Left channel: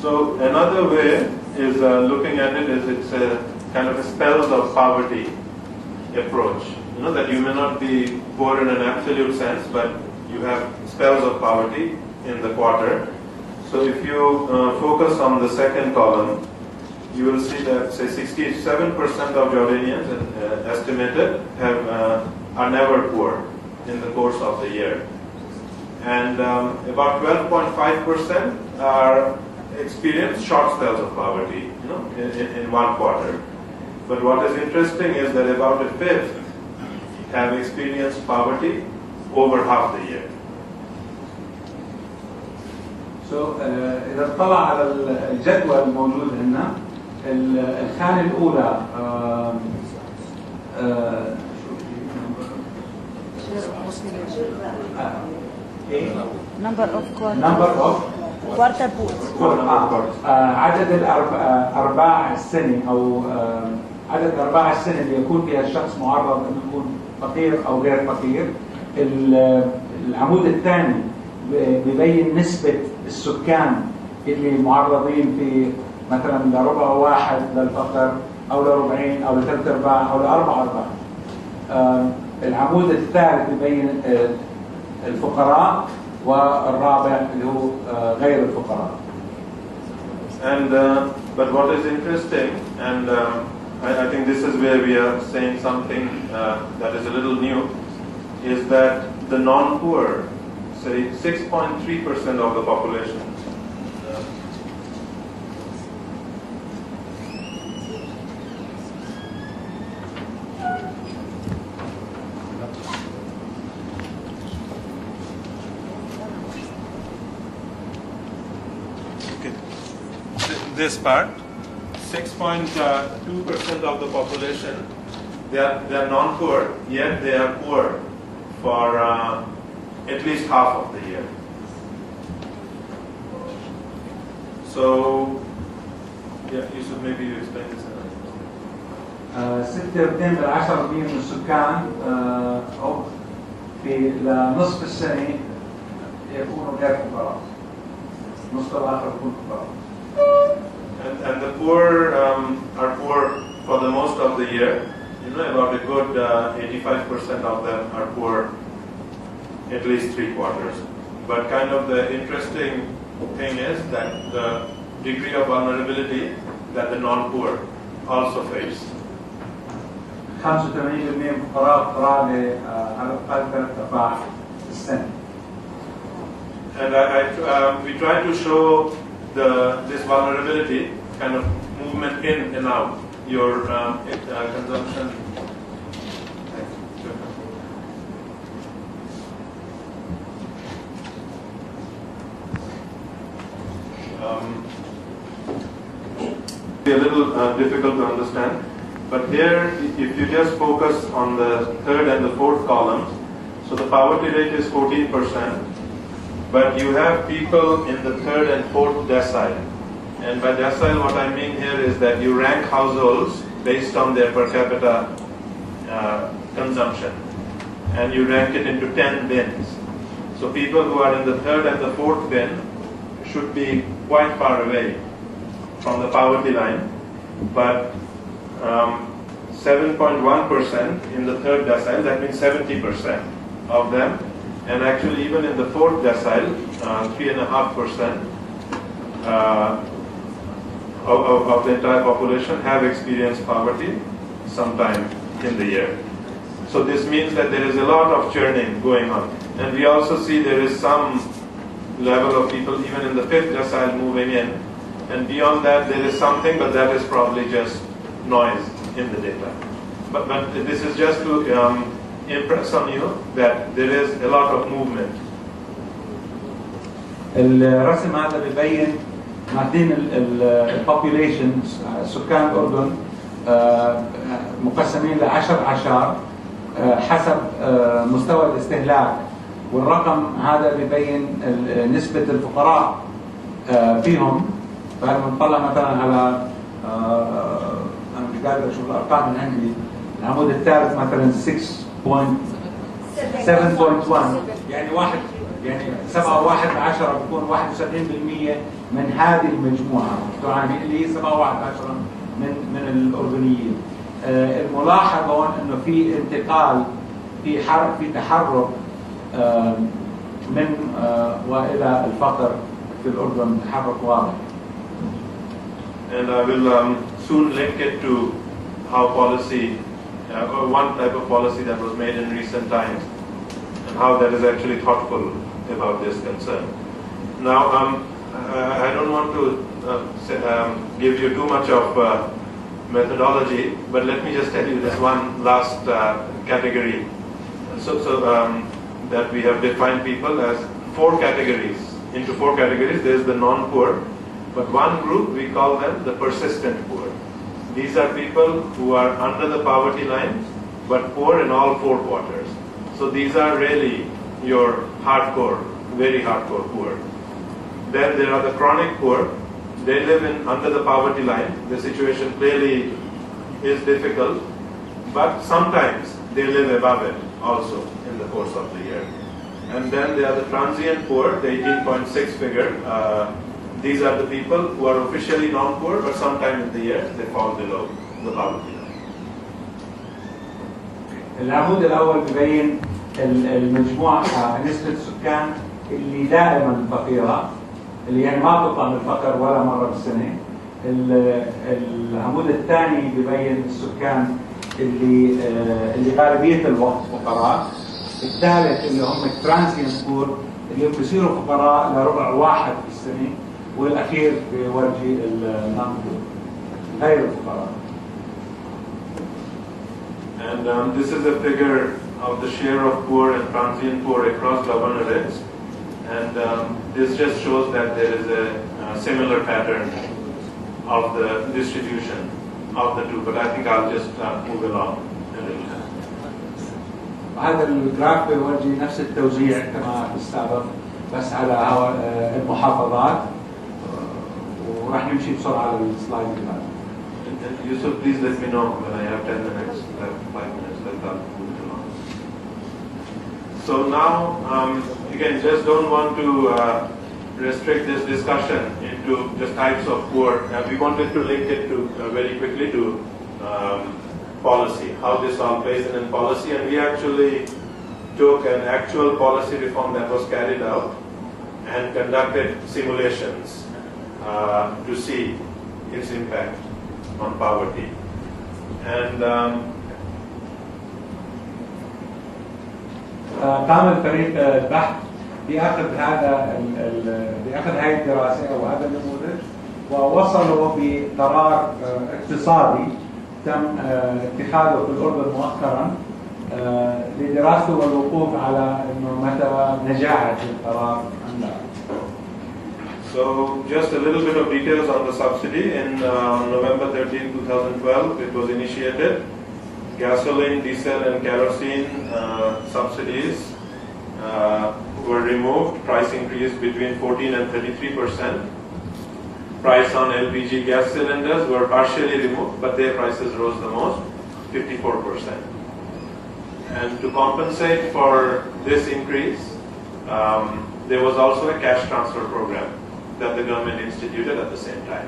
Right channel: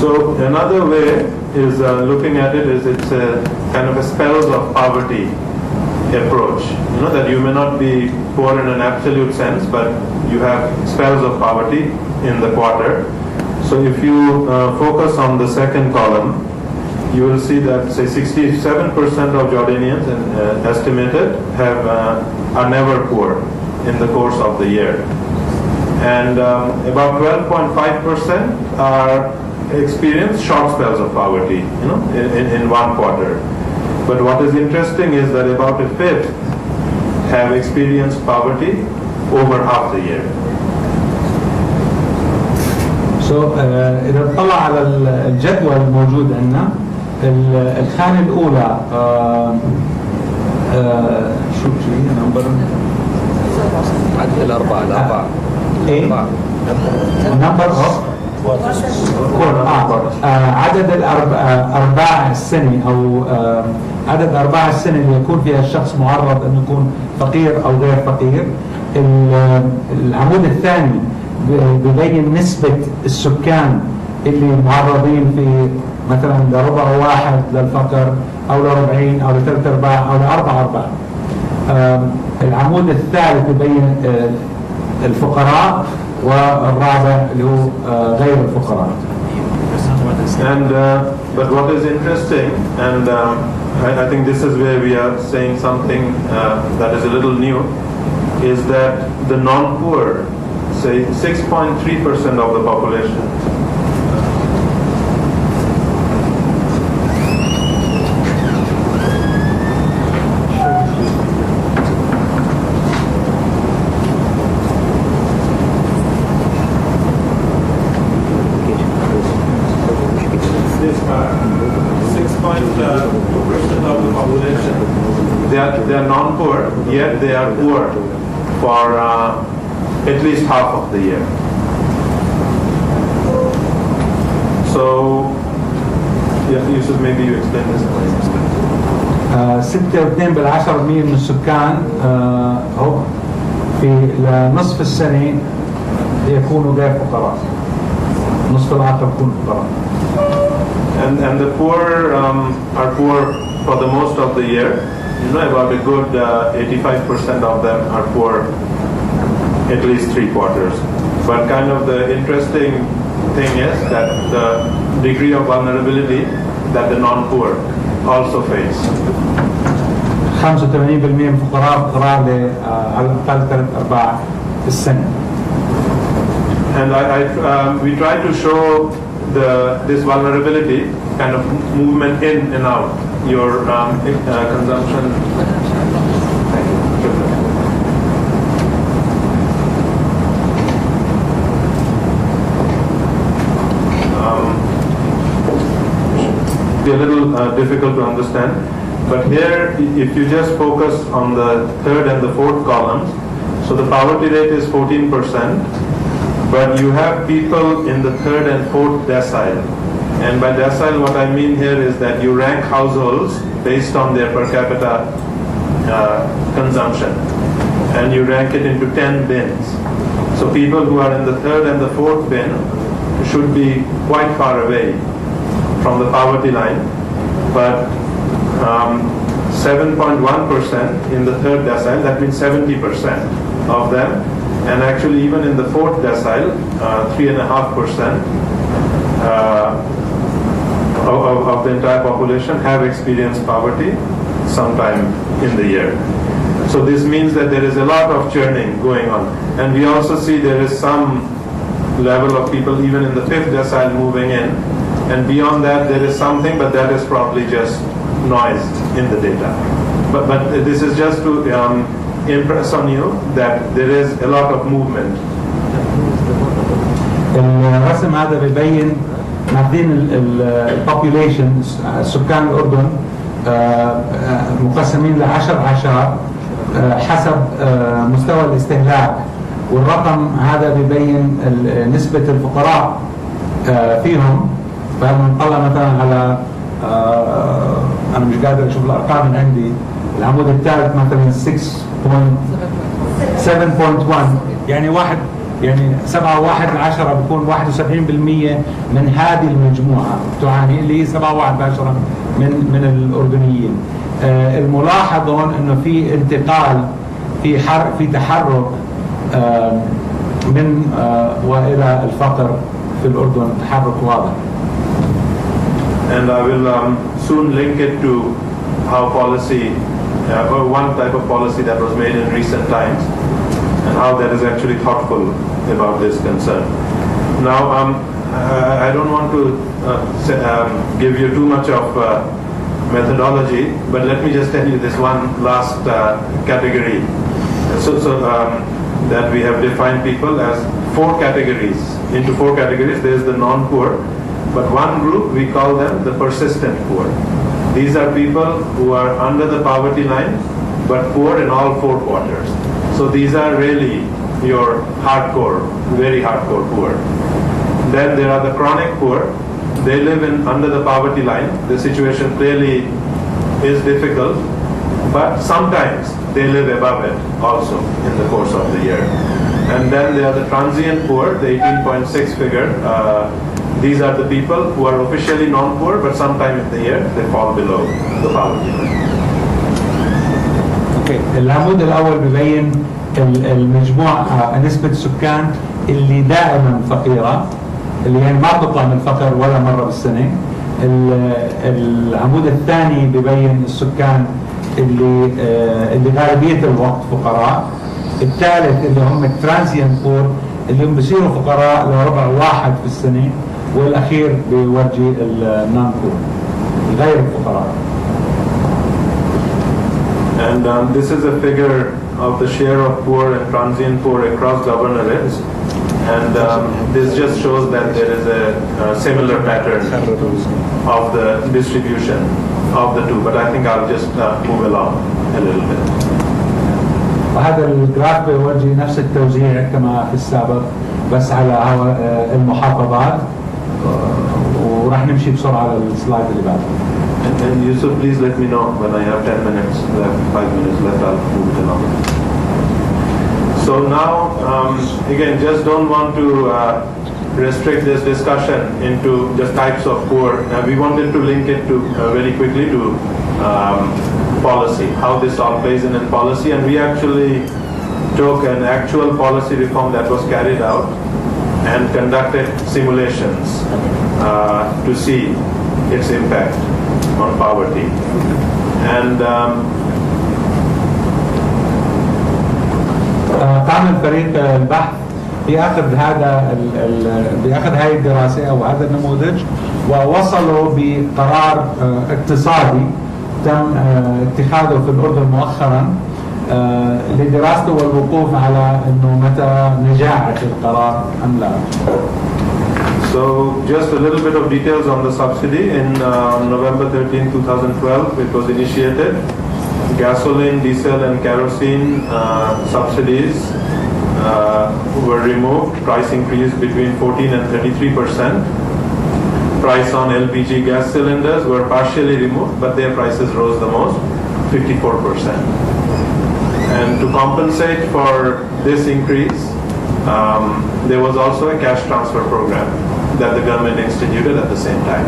So another way is looking at it is it's a kind of a spells of poverty approach. You know that you may not be poor in an absolute sense, but you have spells of poverty in the quarter. So if you focus on the second column, you will see that say 67% of Jordanians estimated are never poor in the course of the year, and about 12.5% are experience short spells of poverty, you know, in one quarter. But what is interesting is that about a fifth have experienced poverty over half the year. إذا نطلع على الجدول الموجود عندنا الخانة الأولى شو هي نمبر؟ عدد الأربعة إيه؟ نمبر عدد أرباع السنة أو عدد أرباع السنة اللي يكون فيها الشخص معرض أن يكون فقير أو غير فقير. العمود الثاني ببين نسبة السكان اللي معرضين في مثلا لربع واحد للفقر أو لربعين أو لثلاث أرباع أو لأربع أرباع. العمود الثالث ببين الفقراء والرابع اللي هو غير الفقراء. And but what is interesting, and I think this is where we are saying something that is a little new, is that the non-poor, say 6.3% of the population, this part, 6.2% of the population, they are non-poor, yet they are poor for at least half of the year. So, yeah, Yusuf, maybe you explain this. 6.2% من السكان في نصف السنة يكونوا غير فقراء، نصف الآخر يكونوا فقراء. And the poor are poor for the most of the year. You know, about a good 85% of them are poor at least 3 quarters. But kind of the interesting thing is that the degree of vulnerability that the non-poor also face. 85% فقراء على الأقل 3 أرباع في السنة. And we try to show this vulnerability kind of movement in and out your consumption. Be a little difficult to understand, but here if you just focus on the third and the fourth columns, so the poverty rate is 14%. But you have people in the third and fourth decile. And by decile, what I mean here is that you rank households based on their per capita consumption. And you rank it into 10 bins. So people who are in the third and the fourth bin should be quite far away from the poverty line. But 7.1% in the third decile, that means 70% of them. And actually, even in the fourth decile, 3.5% of the entire population have experienced poverty sometime in the year. So this means that there is a lot of churning going on. And we also see there is some level of people even in the fifth decile moving in. And beyond that, there is something, but that is probably just noise in the data. But this is just to impress on you that there is a lot of movement. الرسم هذا بيبين ماخذين البوبيوليشن سكان الأردن مقسمين ل10 عشر حسب مستوى الاستهلاك، والرقم هذا بيبين نسبة الفقراء فيهم. فلما نطلع مثلا على أنا مش قادر أشوف الأرقام من عندي، العمود الثالث مثلا 7.1 يعني يعني 7 1 10 بكون 71% من هذه المجموعة تعاني، اللي هي 7 1 10 من الأردنيين. الملاحظ هون إنه في انتقال، في تحرك من وإلى الفقر في الأردن، تحرك واضح. And I will soon link it to how policy, one type of policy that was made in recent times, and how that is actually thoughtful about this concern. Now, I don't want to give you too much of methodology, but let me just tell you this one last category. So that we have defined people as 4 categories. Into 4 categories, there's the non-poor, but one group we call them the persistent poor. These are people who are under the poverty line, but poor in all 4 quarters. So these are really your hardcore, very hardcore poor. Then there are the chronic poor. They live under the poverty line. The situation clearly is difficult, but sometimes they live above it also in the course of the year. And then there are the transient poor, the 18.6 figure. These are the people who are officially non-poor, but sometime in the year they fall below the poverty line. العمود الأول ببين المجموعة نسبة السكان اللي دائما فقيرة، اللي يعني ما بتطلع من الفقر ولا مرة بالسنة. العمود الثاني ببين السكان اللي غالبية الوقت فقراء. الثالث اللي هم الترانزيانت بور، اللي هم بيصيروا فقراء لربع واحد في السنة. والأخير بيورجي النون بور، غير الفقراء. And this is a figure of the share of poor and transient poor across governorates. And this just shows that there is a similar pattern of the distribution of the two. But I think I'll just move along a little bit. وهذا الجراف بيورجي نفس التوزيع كما في السابق، بس على المحافظات. وراح نمشي بسرعة على السلايد اللي بعده. And Yusuf, please let me know when I have 10 minutes left, 5 minutes left, I'll move it along. So now, again, just don't want to restrict this discussion into just types of poor. We wanted to link it to very quickly to policy, how this all plays in policy, and we actually took an actual policy reform that was carried out and conducted simulations to see its impact on poverty. And قام الفريق البحث بأخذ هذه الدراسة أو هذا النموذج، ووصلوا بقرار اقتصادي تم اتخاذه في الأردن مؤخرا لدراسته والوقوف على إنه متى نجاعة القرار أم لا. So just a little bit of details on the subsidy. In November 13, 2012, it was initiated. Gasoline, diesel and kerosene subsidies were removed. Price increased between 14 and 33%. Price on LPG gas cylinders were partially removed, but their prices rose the most, 54%. And to compensate for this increase, there was also a cash transfer program that the government instituted at the same time.